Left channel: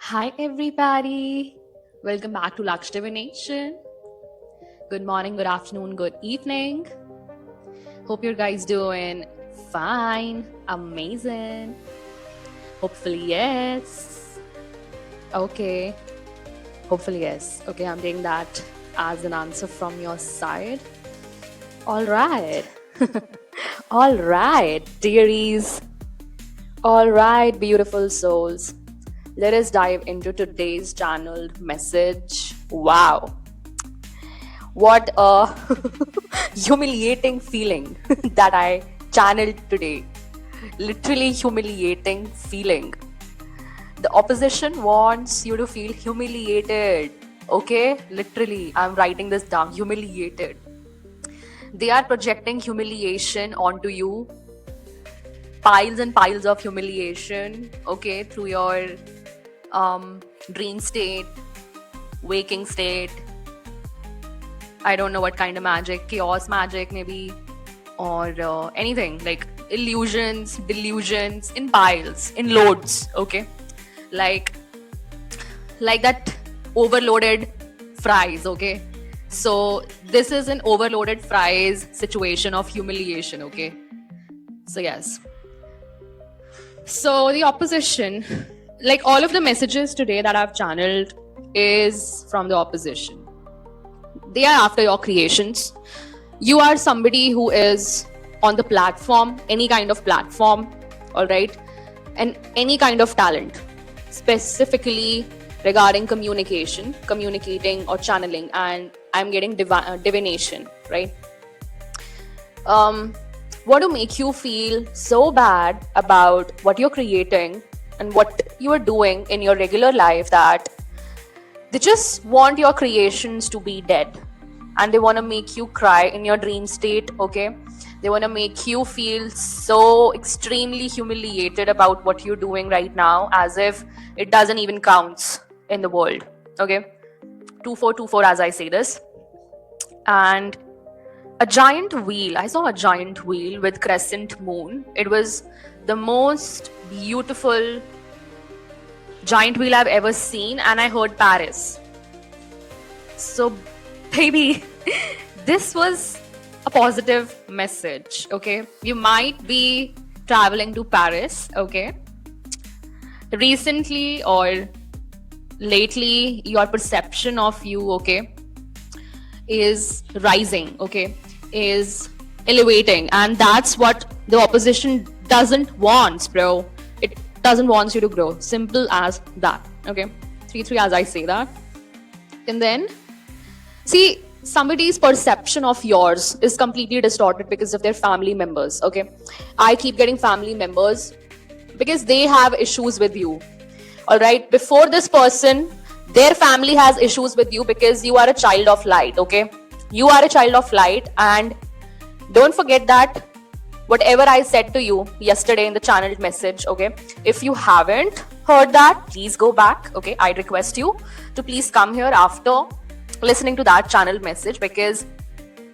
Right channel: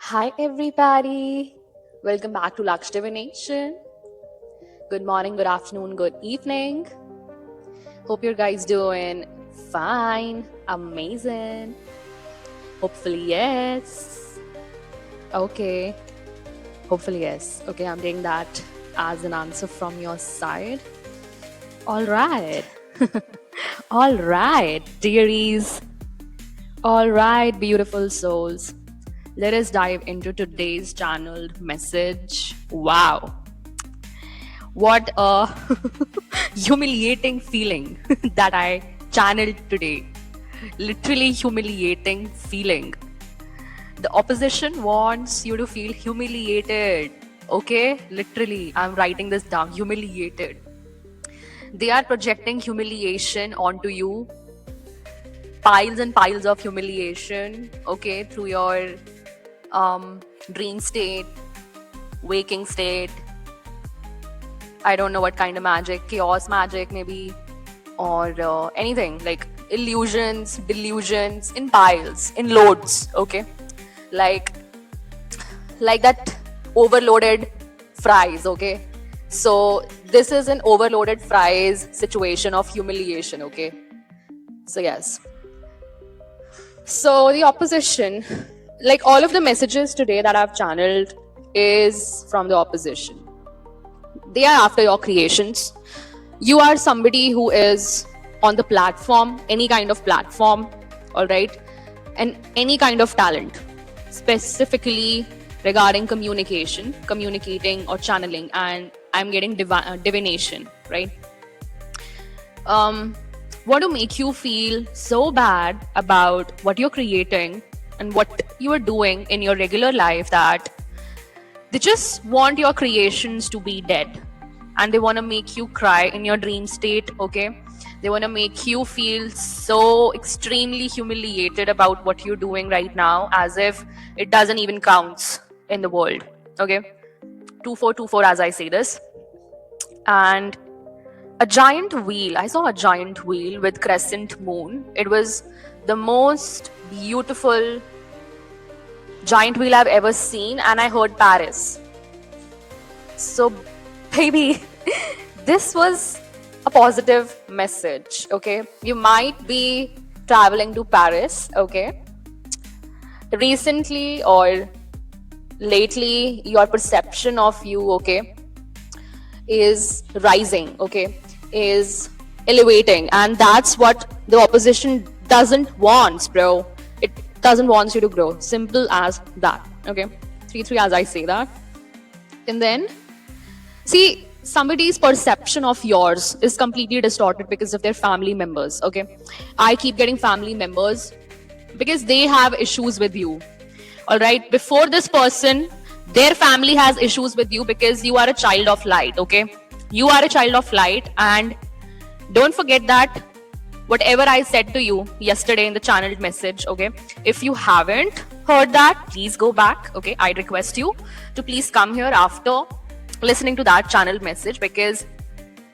Hi, everybody. Welcome back to Lux Divination. Good morning, good afternoon, good evening. Hope you guys doing fine, amazing. Hopefully, yes. Okay. Hopefully, yes. Okay, I'm taking that as an answer from your side. All right. All right, dearies. All right, beautiful souls. Let us dive into today's channeled message. Wow. What a humiliating feeling that I channeled today. Literally humiliating feeling. The opposition wants you to feel humiliated. Okay? Literally, I'm writing this down. Humiliated. They are projecting humiliation onto you. Piles and piles of humiliation. Okay? Through your dream state, waking state. I don't know what kind of magic, chaos magic maybe, or anything like illusions, delusions in piles, in loads. Okay, like that overloaded fries. Okay, so this is an overloaded fries situation of humiliation. Okay, so yes. So the opposition, like all of the messages today that I've channeled, is from the opposition. They are after your creations. You are somebody who is on the platform, any kind of platform, all right, and any kind of talent, specifically regarding communication, communicating or channeling, and I'm getting divination, right? What to make you feel so bad about what you're creating and what you're doing in your regular life that they just want your creations to be dead, and they want to make you cry in your dream state. Okay, they want to make you feel so extremely humiliated about what you're doing right now, as if it doesn't even counts in the world. Okay, 2424 as I say this. And a giant wheel, I saw a giant wheel with crescent moon. It was the most beautiful giant wheel I've ever seen, and I heard Paris. So, baby, this was a positive message. Okay, you might be traveling to Paris. Okay, recently or lately, your perception of you, okay, is rising. Okay, is elevating, and that's what the opposition doesn't want, bro. It doesn't want you to grow. Simple as that. Okay, 3-3 as I say that. And then see, somebody's perception of yours is completely distorted because of their family members. Okay, I keep getting family members because they have issues with you. All right, before this person, their family has issues with you because you are a child of light. Okay, you are a child of light, and don't forget that whatever I said to you yesterday in the channeled message, okay, if you haven't heard that, please go back. Okay, I request you to please come here after listening to that channeled message, because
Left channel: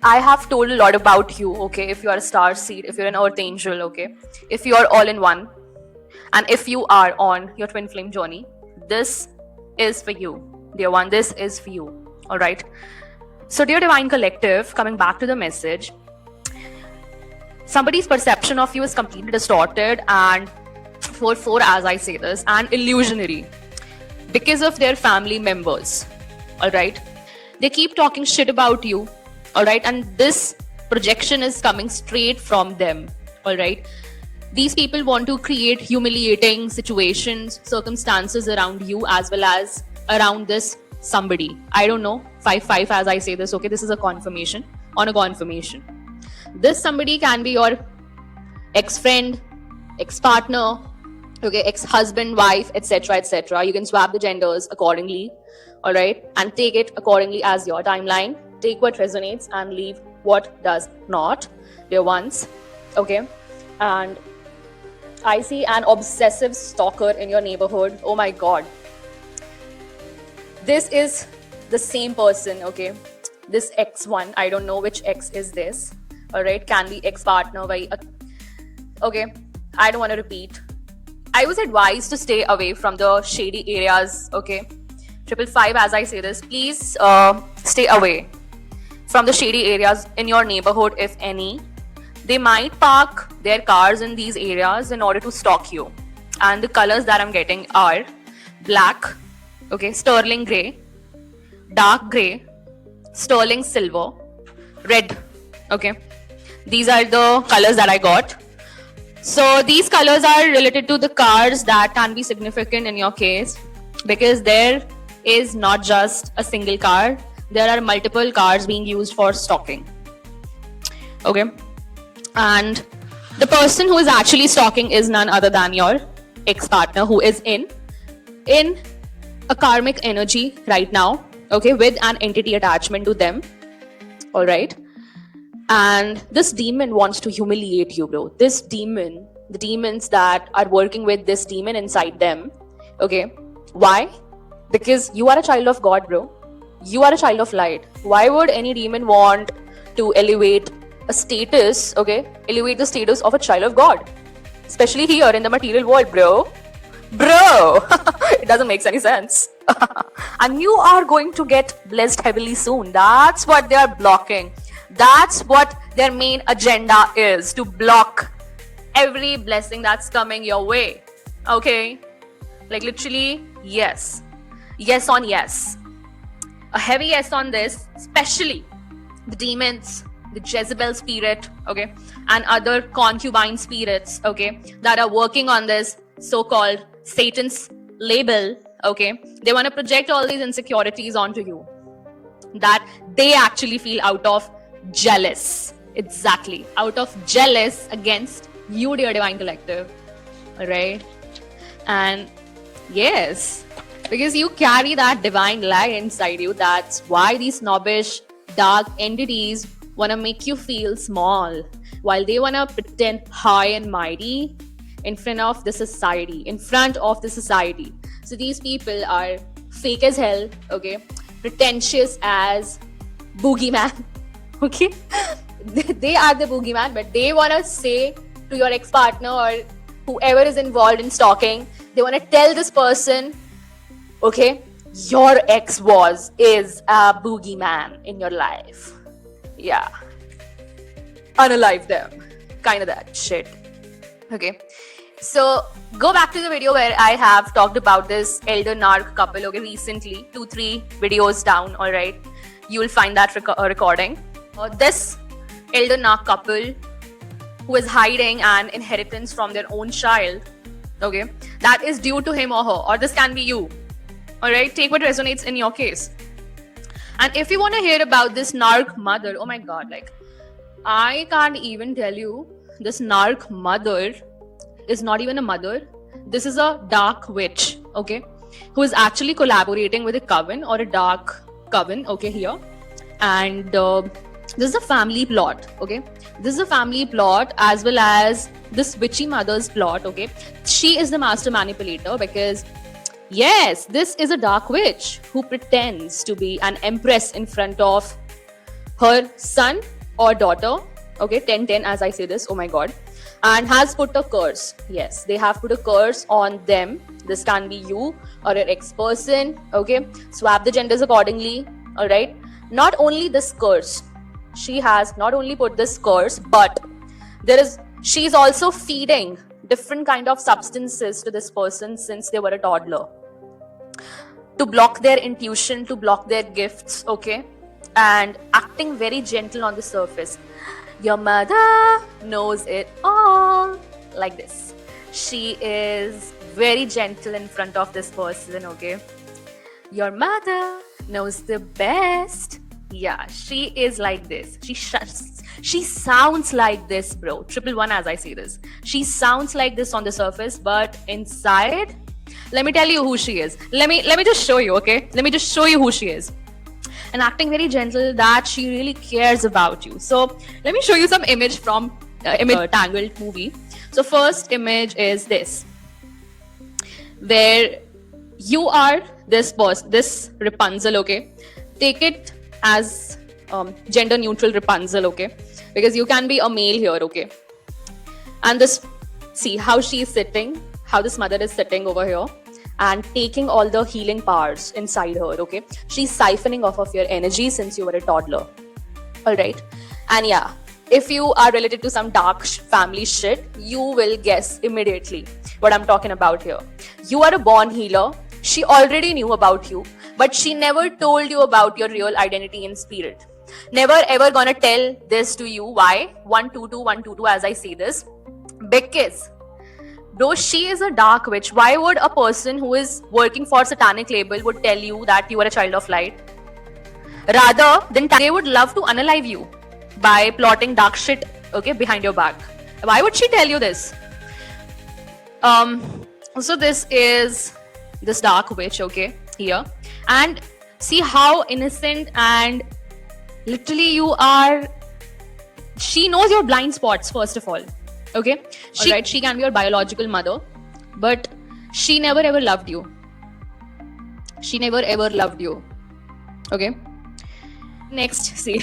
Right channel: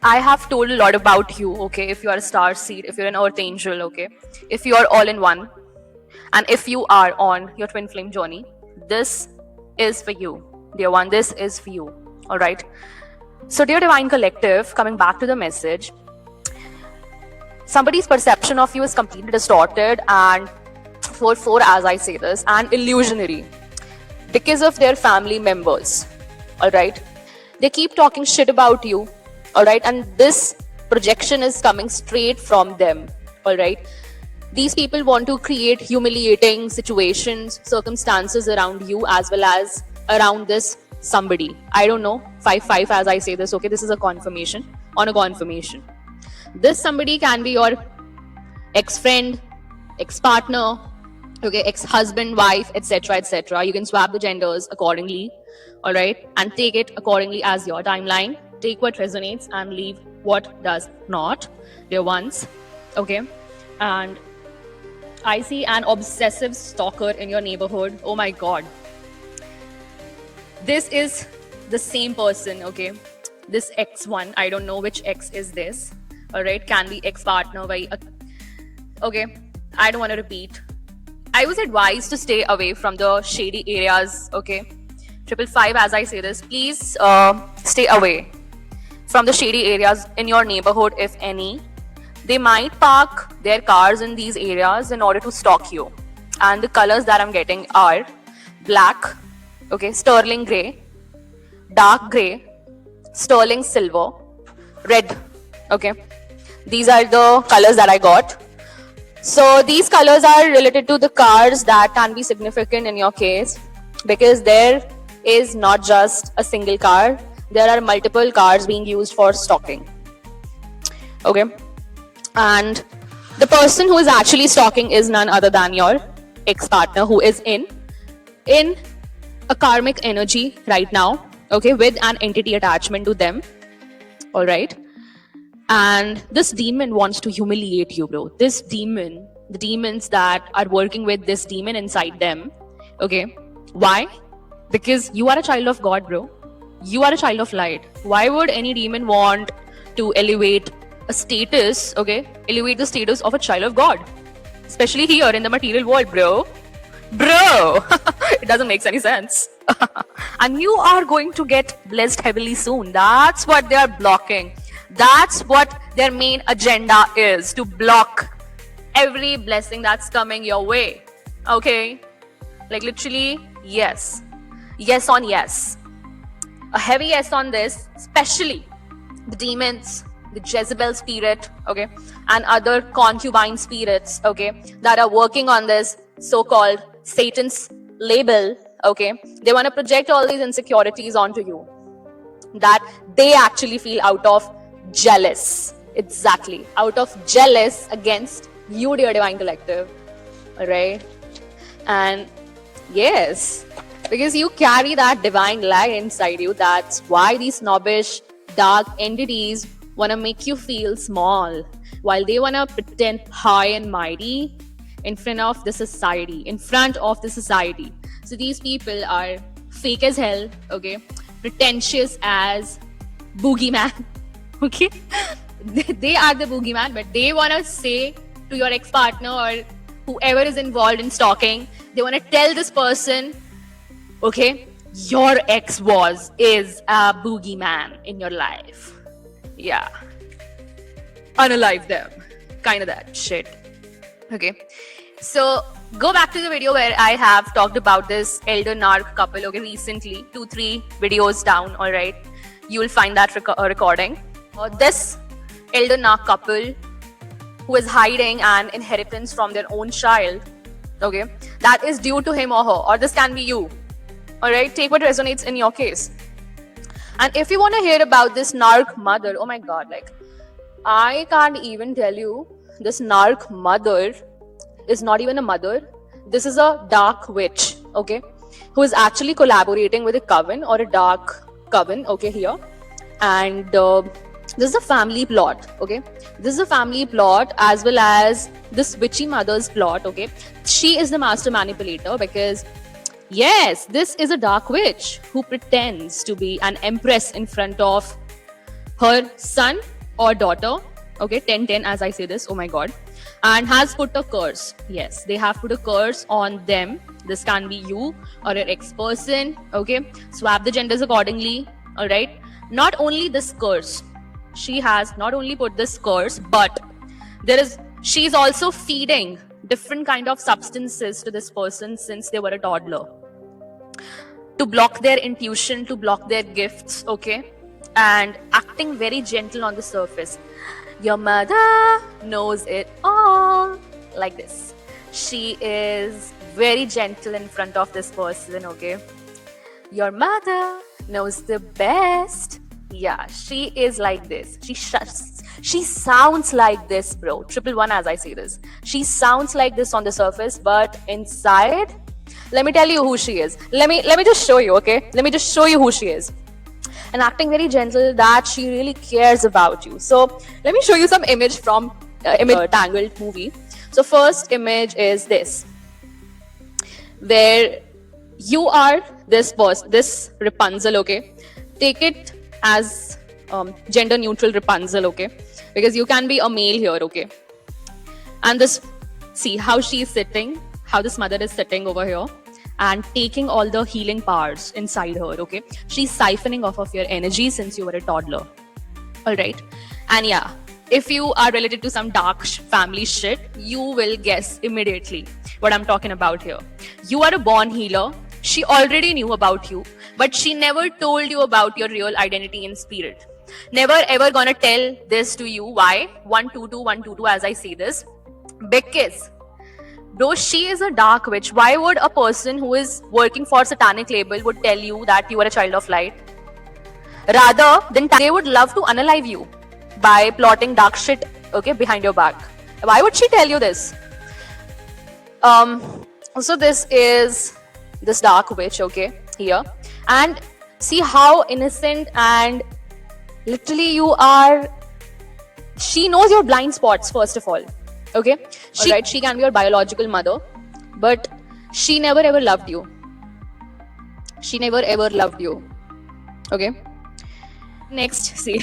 I have told a lot about you. Okay, if you are a star seed, if you're an earth angel, okay, if you are all in one, and if you are on your twin flame journey, this is for you, dear one. This is for you. All right. So, dear divine collective, coming back to the message, somebody's perception of you is completely distorted and 4-4 as I say this, and illusionary because of their family members. All right, they keep talking shit about you. All right, and this projection is coming straight from them. All right, these people want to create humiliating situations, circumstances around you as well as around this somebody. I don't know, 5-5 as I say this. Okay, this is a confirmation on a confirmation. This somebody can be your ex-friend, ex-partner, okay, ex-husband, wife, etc., etc. You can swap the genders accordingly, all right, and take it accordingly as your timeline. Take what resonates and leave what does not, dear ones. Okay, and I see an obsessive stalker in your neighborhood. Oh my god, this is the same person. Okay, this X1, I don't know which X is this. All right, can be ex-partner by okay, I don't want to repeat. I was advised to stay away from the shady areas, okay? 555, as I say this, please stay away from the shady areas in your neighborhood, if any. They might park their cars in these areas in order to stalk you. And the colors that I'm getting are black, okay, sterling grey, dark grey, sterling silver, red, okay. These are the colors that I got. So these colors are related to the cars that can be significant in your case, because there is not just a single car, there are multiple cars being used for stalking, okay. And the person who is actually stalking is none other than your ex-partner, who is in a karmic energy right now, okay, with an entity attachment to them, all right. And this demon wants to humiliate you, bro. This demon, the demons that are working with this demon inside them, okay. Why? Because you are a child of God, bro. You are a child of light. Why would any demon want to elevate a status, okay, elevate the status of a child of God, especially here in the material world, bro? It doesn't make any sense. And you are going to get blessed heavily soon. That's what they are blocking. That's what their main agenda is, to block every blessing that's coming your way, okay? Like literally, yes on yes, a heavy yes on this, especially the demons, the Jezebel spirit, okay, and other concubine spirits, okay, that are working on this so-called Satan's label, okay. They want to project all these insecurities onto you that they actually feel out of jealous, exactly, out of jealous against you, dear Divine Collective, all right. And yes, because you carry that divine light inside you, that's why these snobbish dark entities want to make you feel small, while they want to pretend high and mighty in front of the society, So these people are fake as hell, okay, pretentious as boogeyman, okay. They are the boogeyman, but they want to say to your ex-partner or whoever is involved in stalking, they want to tell this person, okay, your ex is a boogeyman in your life. Yeah. Unalive them. Kind of that shit. Okay. So go back to the video where I have talked about this elder narc couple, okay, recently, 2-3 videos down, alright. You will find that recording. This elder narc couple who is hiding an inheritance from their own child, okay, that is due to him or her, or this can be you, alright. Take what resonates in your case. And if you want to hear about this narc mother, oh my god, like, I can't even tell you, this narc mother is not even a mother. This is a dark witch, okay, who is actually collaborating with a coven or a dark coven, okay, here. And this is a family plot, okay. This is a family plot as well as this witchy mother's plot, okay. She is the master manipulator because, yes, this is a dark witch who pretends to be an empress in front of her son or daughter, okay, 10-10 as I say this, oh my god, and has put a curse. Yes, they have put a curse on them. This can be you or an ex-person, okay. Swap the genders accordingly, alright. Not only this curse, she has not only put this curse, but she's also feeding different kind of substances to this person since they were a toddler, to block their intuition, to block their gifts, okay, and acting very gentle on the surface. Your mother knows it all, like this. She is very gentle in front of this person, okay. Your mother knows the best. Yeah, she is like this. She sounds like this, bro. 111 as I say this. She sounds like this on the surface, but inside, let me tell you who she is. Let me just show you, okay? Let me just show you who she is. And acting very gentle, that she really cares about you. So let me show you some image from Tangled movie. So first image is this, where you are this Rapunzel, okay? Take it as gender neutral Rapunzel, okay? Because you can be a male here, okay? And this, see how she's sitting, how this mother is sitting over here and taking all the healing powers inside her, okay? She's siphoning off of your energy since you were a toddler. All right. And yeah, if you are related to some dark family shit, you will guess immediately what I'm talking about here. You are a born healer. She already knew about you, but she never told you about your real identity in spirit. Never ever gonna tell this to you. Why? 122, 122 as I say this. Because bro, she is a dark witch. Why would a person who is working for satanic label would tell you that you are a child of light? Rather than they would love to unalive you by plotting dark shit, okay, behind your back. Why would she tell you this? So this is this dark witch, okay, here. And see how innocent and literally you are. She knows your blind spots, first of all. Okay, alright, she can be your biological mother, but she never ever loved you. She never ever loved you. Okay. Next, see,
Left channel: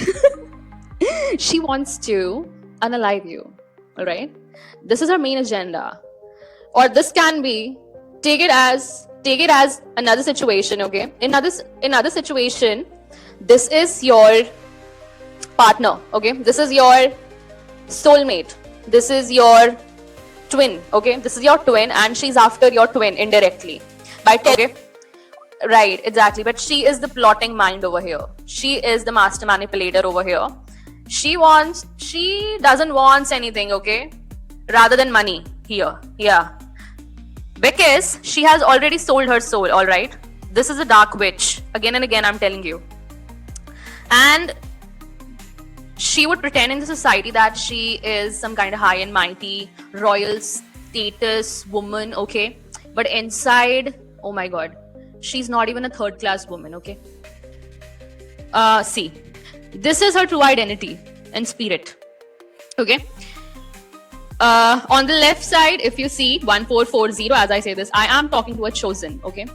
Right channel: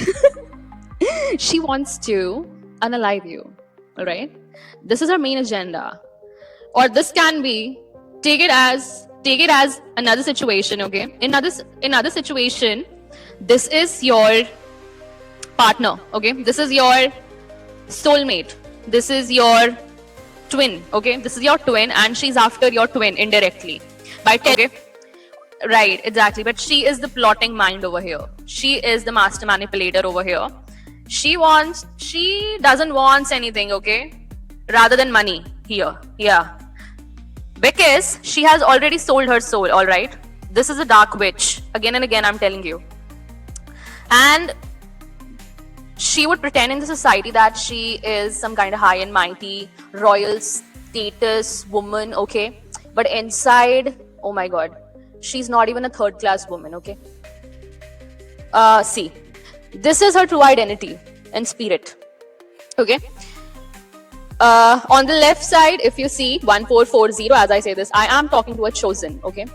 she wants to unalive you. Alright, this is her main agenda, or this can be take it as another situation. Okay, in another situation, this is your partner. Okay, this is your soulmate. This is your twin, okay? This is your twin and she's after your twin indirectly. Okay? Right, exactly. But she is the plotting mind over here. She is the master manipulator over here. She doesn't want anything, okay? Rather than money here. Yeah. Because she has already sold her soul, alright? This is a dark witch. Again and again, I'm telling you. And she would pretend in the society that she is some kind of high and mighty, royal status woman, okay? But inside, oh my god, she's not even a third class woman, okay? See, this is her true identity and spirit, okay? On the left side, if you see 1440, as I say this, I am talking to a chosen, okay?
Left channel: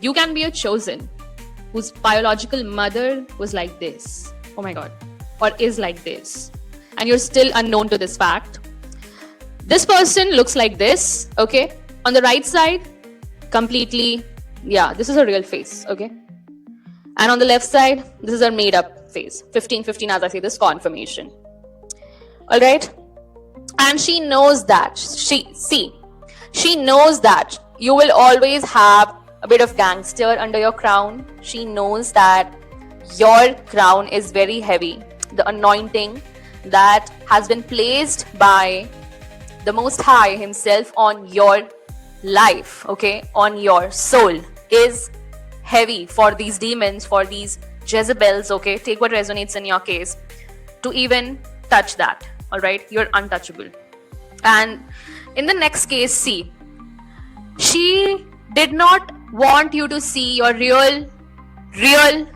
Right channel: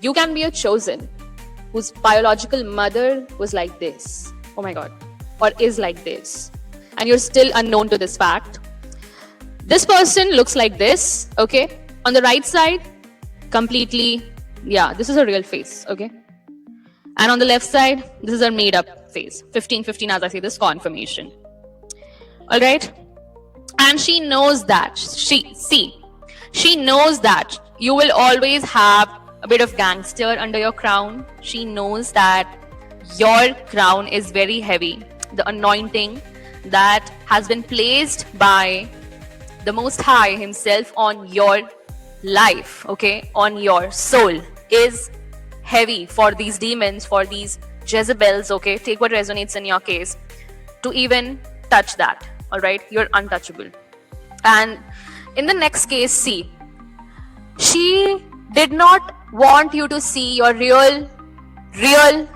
You can be a chosen whose biological mother was like this. Oh my god. Or is like this, and you're still unknown to this fact. This person looks like this, okay? On the right side, completely, yeah, this is a real face, okay? And on the left side, this is a made up face. 1515, as I say this, confirmation. All right? And she knows that. She knows that you will always have a bit of gangster under your crown. She knows that your crown is very heavy. The anointing that has been placed by the Most High himself on your life, okay, on your soul is heavy for these demons, for these Jezebels, okay? Take what resonates in your case to even touch that, all right? You're untouchable. And in the next case, see, she did not want you to see your real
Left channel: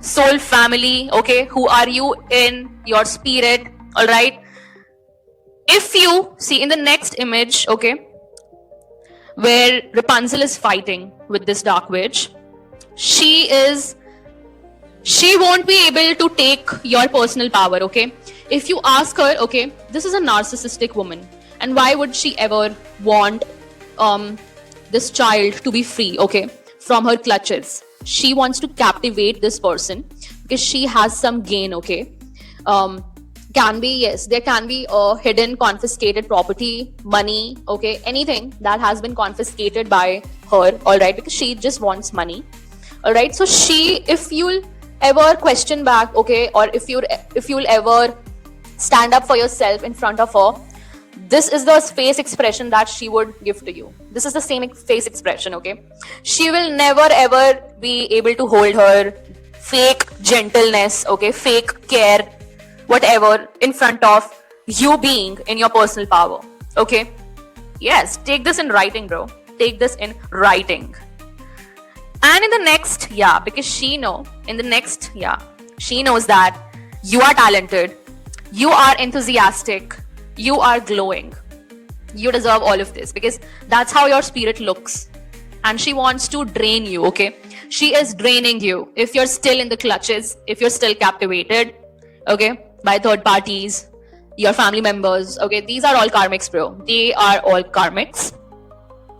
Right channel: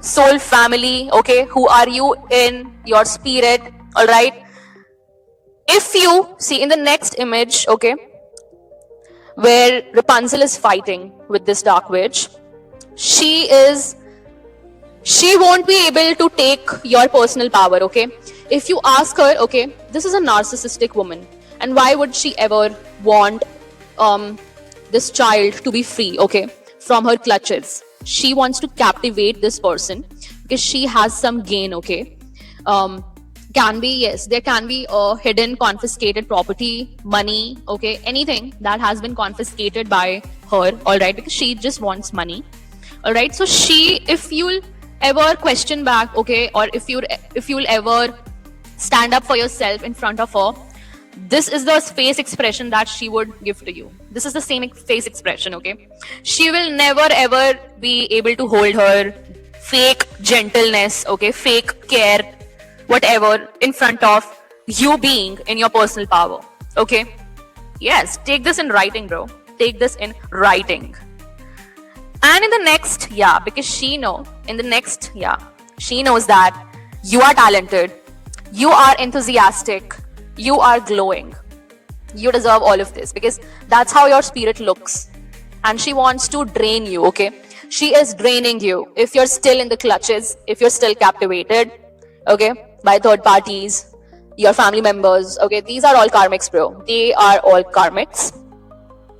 soul family, okay? Who are you in your spirit, all right? If you see in the next image, okay, where Rapunzel is fighting with this dark witch, she won't be able to take your personal power, okay? If you ask her, okay, this is a narcissistic woman, and why would she ever want this child to be free, okay, from her clutches? She wants to captivate this person because she has some gain, okay? Can be, yes, there can be a hidden confiscated property, money, okay, anything that has been confiscated by her, all right, because she just wants money, all right? So if you'll ever question back, okay, or if you'll ever stand up for yourself in front of her, this is the face expression that she would give to you. This is the same face expression, okay? She will never ever be able to hold her fake gentleness, okay, fake care, whatever, in front of you being in your personal power, okay? Yes, take this in writing, bro. Take this in writing. And in the next, yeah, because she knows that you are talented, you are enthusiastic, you are glowing. You deserve all of this because that's how your spirit looks. And she wants to drain you, okay? She is draining you if you're still in the clutches, if you're still captivated, okay, by third parties, your family members, okay? These are all karmics, bro. They are all karmics.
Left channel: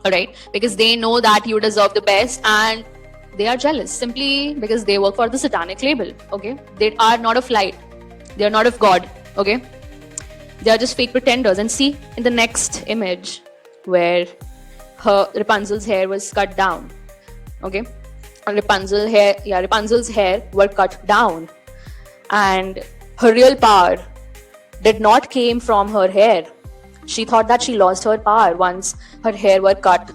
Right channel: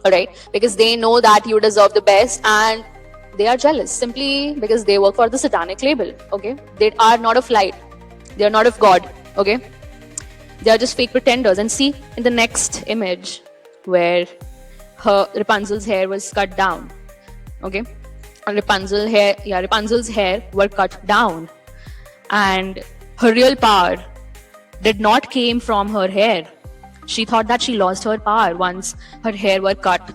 all right? Because they know that you deserve the best, and they are jealous simply because they work for the satanic label, okay? They are not of light, they are not of God, okay? They are just fake pretenders. And see in the next image where Rapunzel's hair was cut down, okay? And Rapunzel's hair were cut down, and her real power did not came from her hair. She thought that she lost her power once her hair were cut,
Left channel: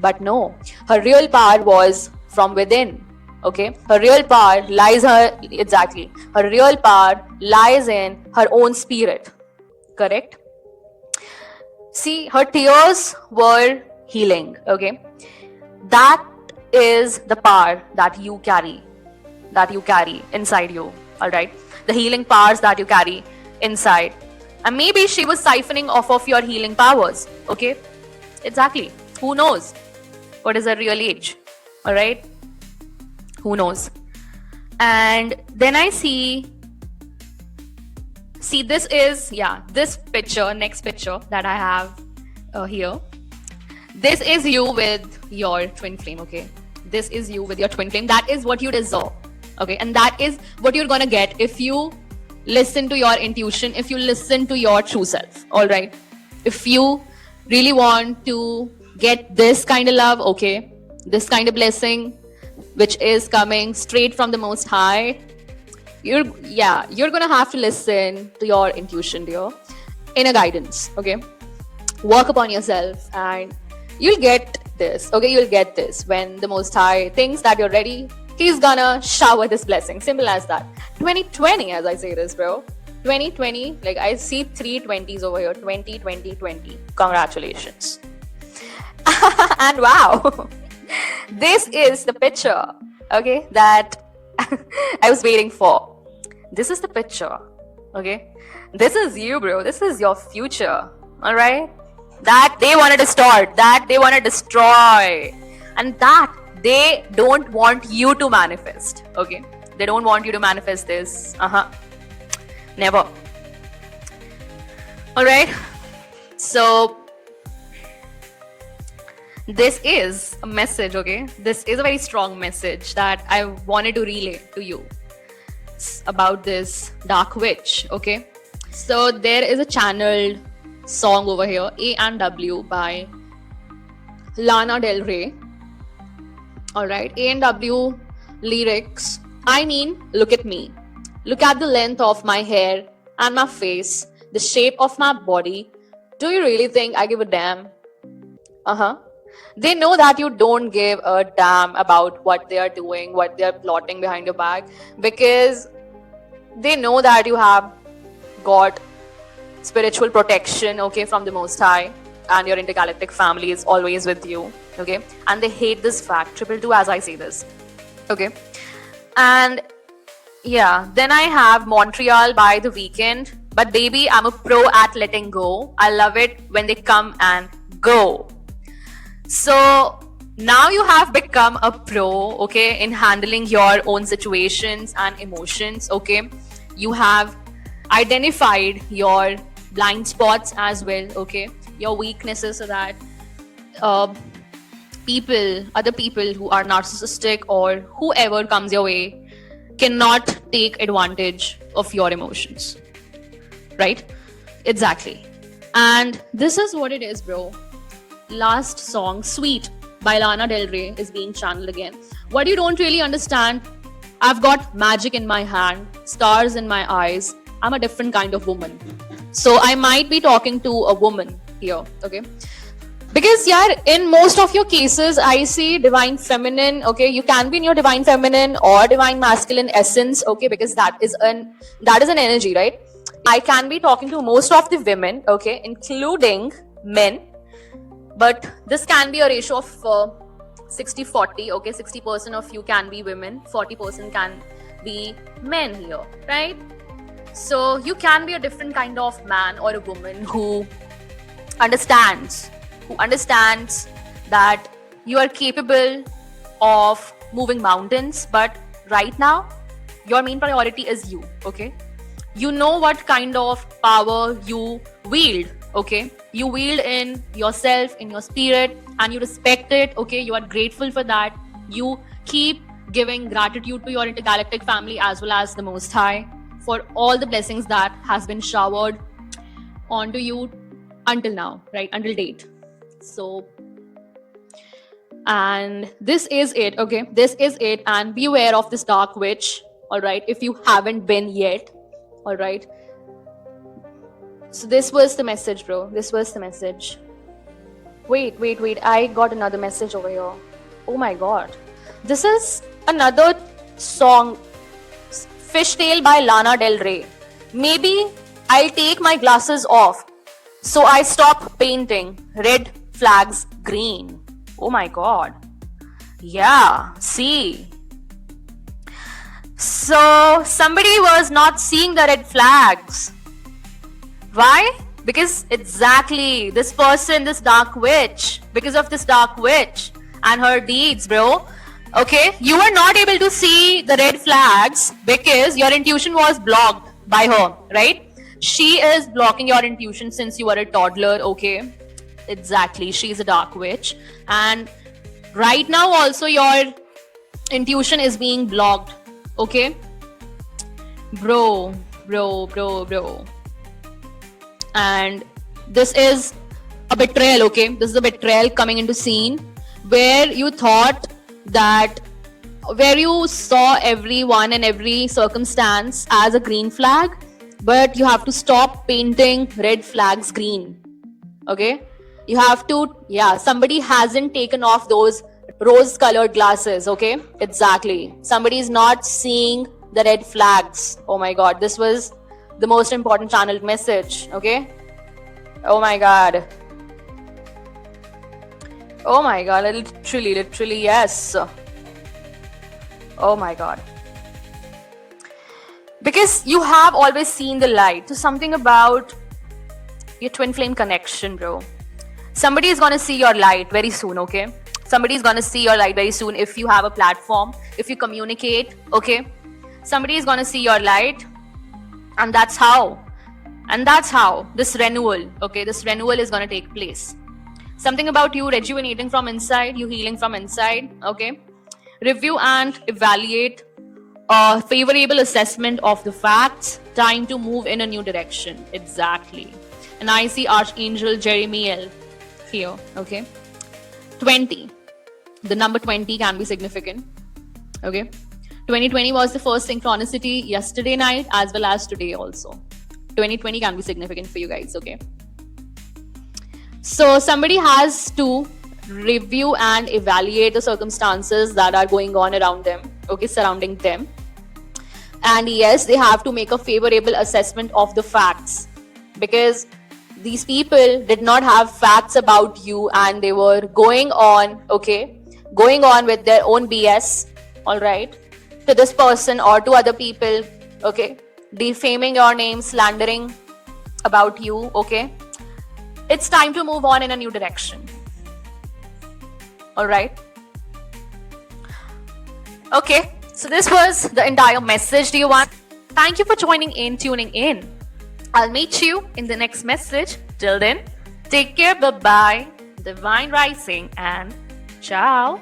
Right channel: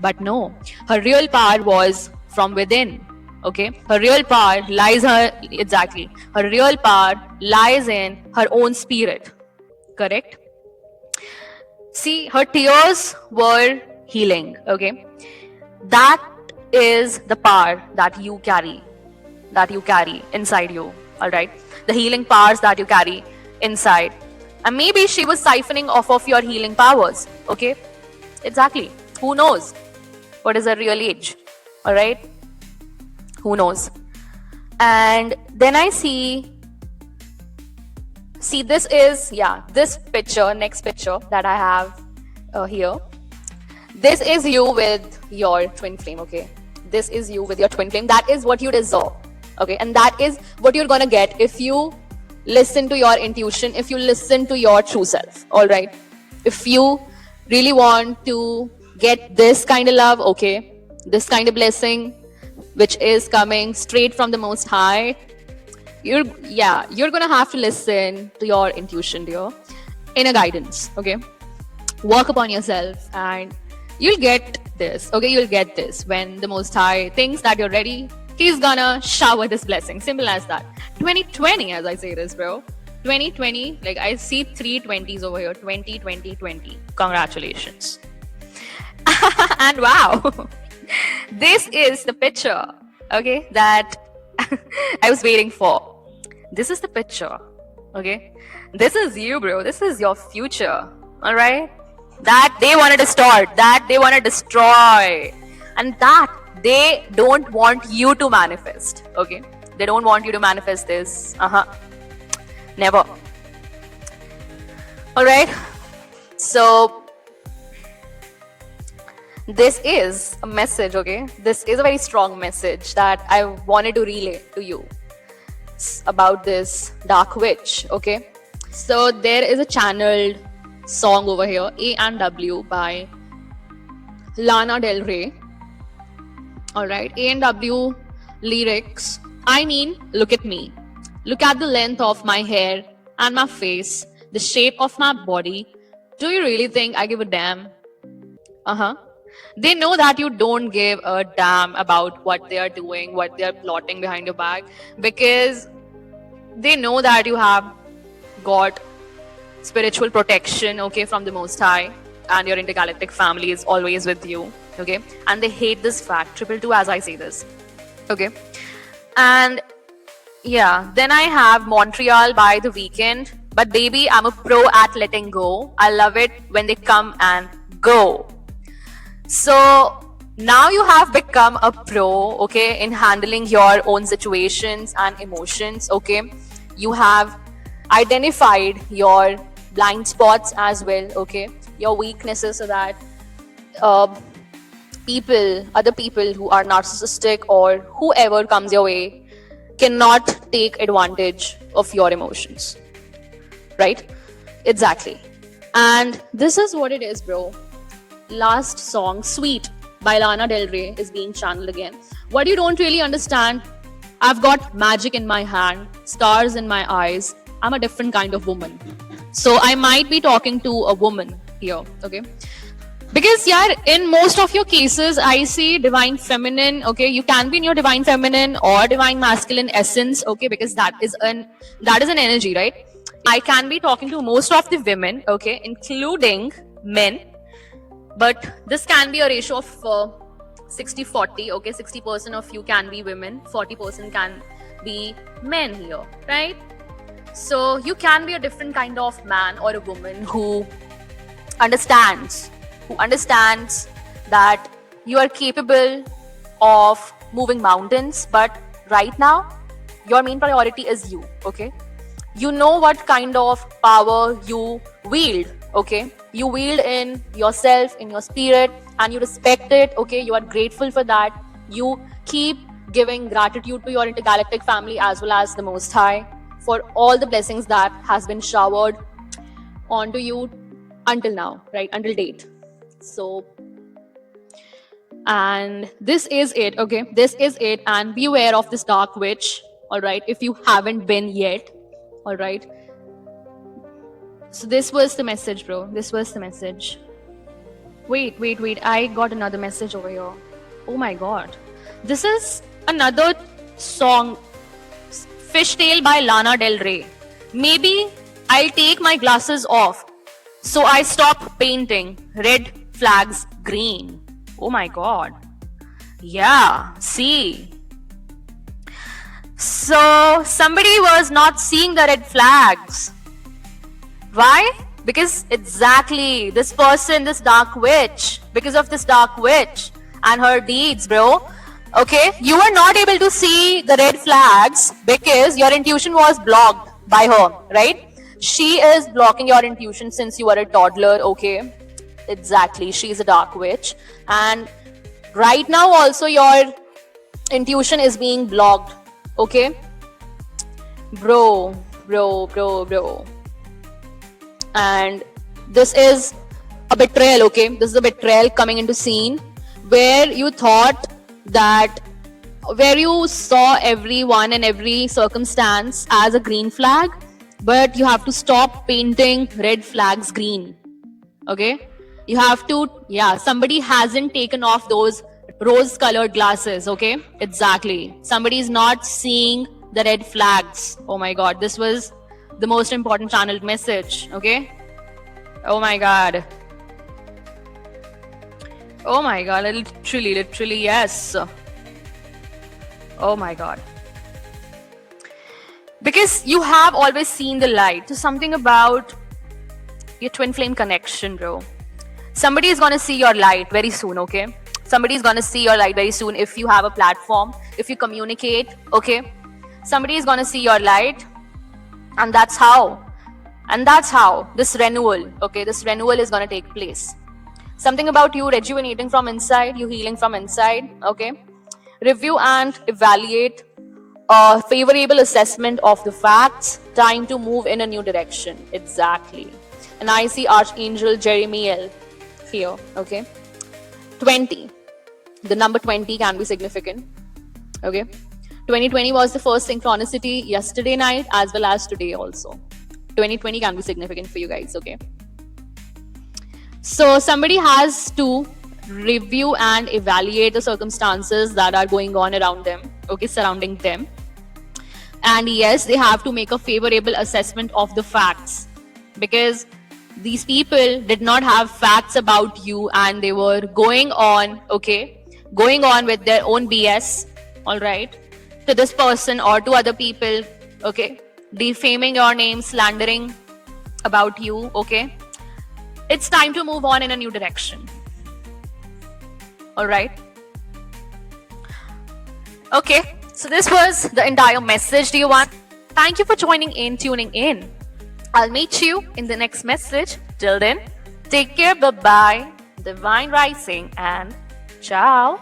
but no, her real power was from within, okay? Her real power lies her real power lies in her own spirit, correct? See, her tears were healing, okay? That is the power that you carry inside you, all right? The healing powers that you carry inside. And maybe she was siphoning off of your healing powers, okay? Exactly. Who knows what is her real age, all right? Who knows? And then I see this is, this picture, next picture that I have here. This is you with your twin flame, okay? This is you with your twin flame. That is what you deserve, okay? And that is what you're gonna get if you listen to your intuition, if you listen to your true self, all right? If you really want to get this kind of love, okay, this kind of blessing, which is coming straight from the Most High, you're gonna have to listen to your intuition, dear, inner guidance, okay? Work upon yourself and you'll get this, okay? You'll get this. When the Most High thinks that you're ready, he's gonna shower this blessing. Simple as that. 2020, as I say this, bro. 2020, like I see 3 20s over here. 20, 20, 20. Congratulations. And wow, this is the picture, okay, that I was waiting for. This is the picture, okay? This is you, bro. This is your future, all right? That they want to distort, that they want to destroy, and that they don't want you to manifest, okay? They don't want you to manifest this. Never. All right. So this is a message, okay? This is a very strong message that I wanted to relay to you about this dark witch, okay? So there is a channeled song over here, A&W by Lana Del Rey. All right, A&W lyrics. I mean, look at me. Look at the length of my hair and my face, the shape of my body. Do you really think I give a damn? They know that you don't give a damn about what they are doing, what they are plotting behind your back, because they know that you have got spiritual protection, okay, from the Most High, and your intergalactic family is always with you, okay? And they hate this fact, 222, as I say this, okay? And yeah, then I have Montreal by The Weeknd. But baby, I'm a pro at letting go. I love it when they come and go. So now you have become a pro, okay, in handling your own situations and emotions, okay? You have identified your blind spots as well, okay? Your weaknesses, so that other people who are narcissistic or whoever comes your way cannot take advantage of your emotions, right? Exactly. And this is what it is, bro. Last song, Sweet by Lana Del Rey, is being channeled again. What you don't really understand, I've got magic in my hand, stars in my eyes. I'm a different kind of woman. So I might be talking to a woman here, okay? Because in most of your cases, I see divine feminine, okay? You can be in your divine feminine or divine masculine essence, okay? Because that is an energy, right? I can be talking to most of the women, okay, including men. But this can be a ratio of 60-40, okay? 60% of you can be women, 40% can be men here, right? So you can be a different kind of man or a woman who understands that you are capable of moving mountains, but right now your main priority is you, okay? You know what kind of power you wield, okay? You wield in yourself, in your spirit, and you respect it, okay? You are grateful for that. You keep giving gratitude to your intergalactic family as well as the Most High for all the blessings that has been showered onto you until now, right? Until date. So, and this is it, okay? This is it, and be aware of this dark witch, all right? If you haven't been yet, all right? So this was the message, bro. This was the message. Wait. I got another message over here. Oh my god. This is another song, Fishtail by Lana Del Rey. Maybe I'll take my glasses off. So I stop painting red flags green. Oh my god. Yeah, see. So somebody was not seeing the red flags. Why? Because exactly this person, this dark witch, because of this dark witch and her deeds, bro. Okay, you were not able to see the red flags because your intuition was blocked by her, right? She is blocking your intuition since you are a toddler, okay? Exactly, she is a dark witch. And right now also your intuition is being blocked, okay? Bro. And this is a betrayal, okay? This is a betrayal coming into scene where you thought that, where you saw everyone and every circumstance as a green flag, but you have to stop painting red flags green, okay? You have to, somebody hasn't taken off those rose colored glasses, okay? Exactly. Somebody is not seeing the red flags. Oh my god, this was the most important channeled message, okay? Oh my god, literally, yes. Oh my god. Because you have always seen the light. So something about your twin flame connection, bro. Somebody is gonna see your light very soon, okay? Somebody is gonna see your light very soon if you have a platform, if you communicate, okay? Somebody is gonna see your light, and that's how this renewal, okay, this renewal is gonna take place. Something about you rejuvenating from inside, you healing from inside, okay? Review and evaluate a favorable assessment of the facts, time to move in a new direction. Exactly. And I see Archangel Jeremiel here, okay? 20. The number 20 can be significant, okay? 2020 was the first synchronicity yesterday night as well as today also. 2020 can be significant for you guys, okay? So somebody has to review and evaluate the circumstances that are going on around them, okay, surrounding them. And yes, they have to make a favorable assessment of the facts, because these people did not have facts about you and they were going on with their own BS, all right, to this person or to other people, okay, defaming your name, slandering about you, okay? It's time to move on in a new direction. All right. Okay, so this was the entire message, dear one. Thank you for tuning in. I'll meet you in the next message. Till then, take care, bye-bye, divine rising, and ciao.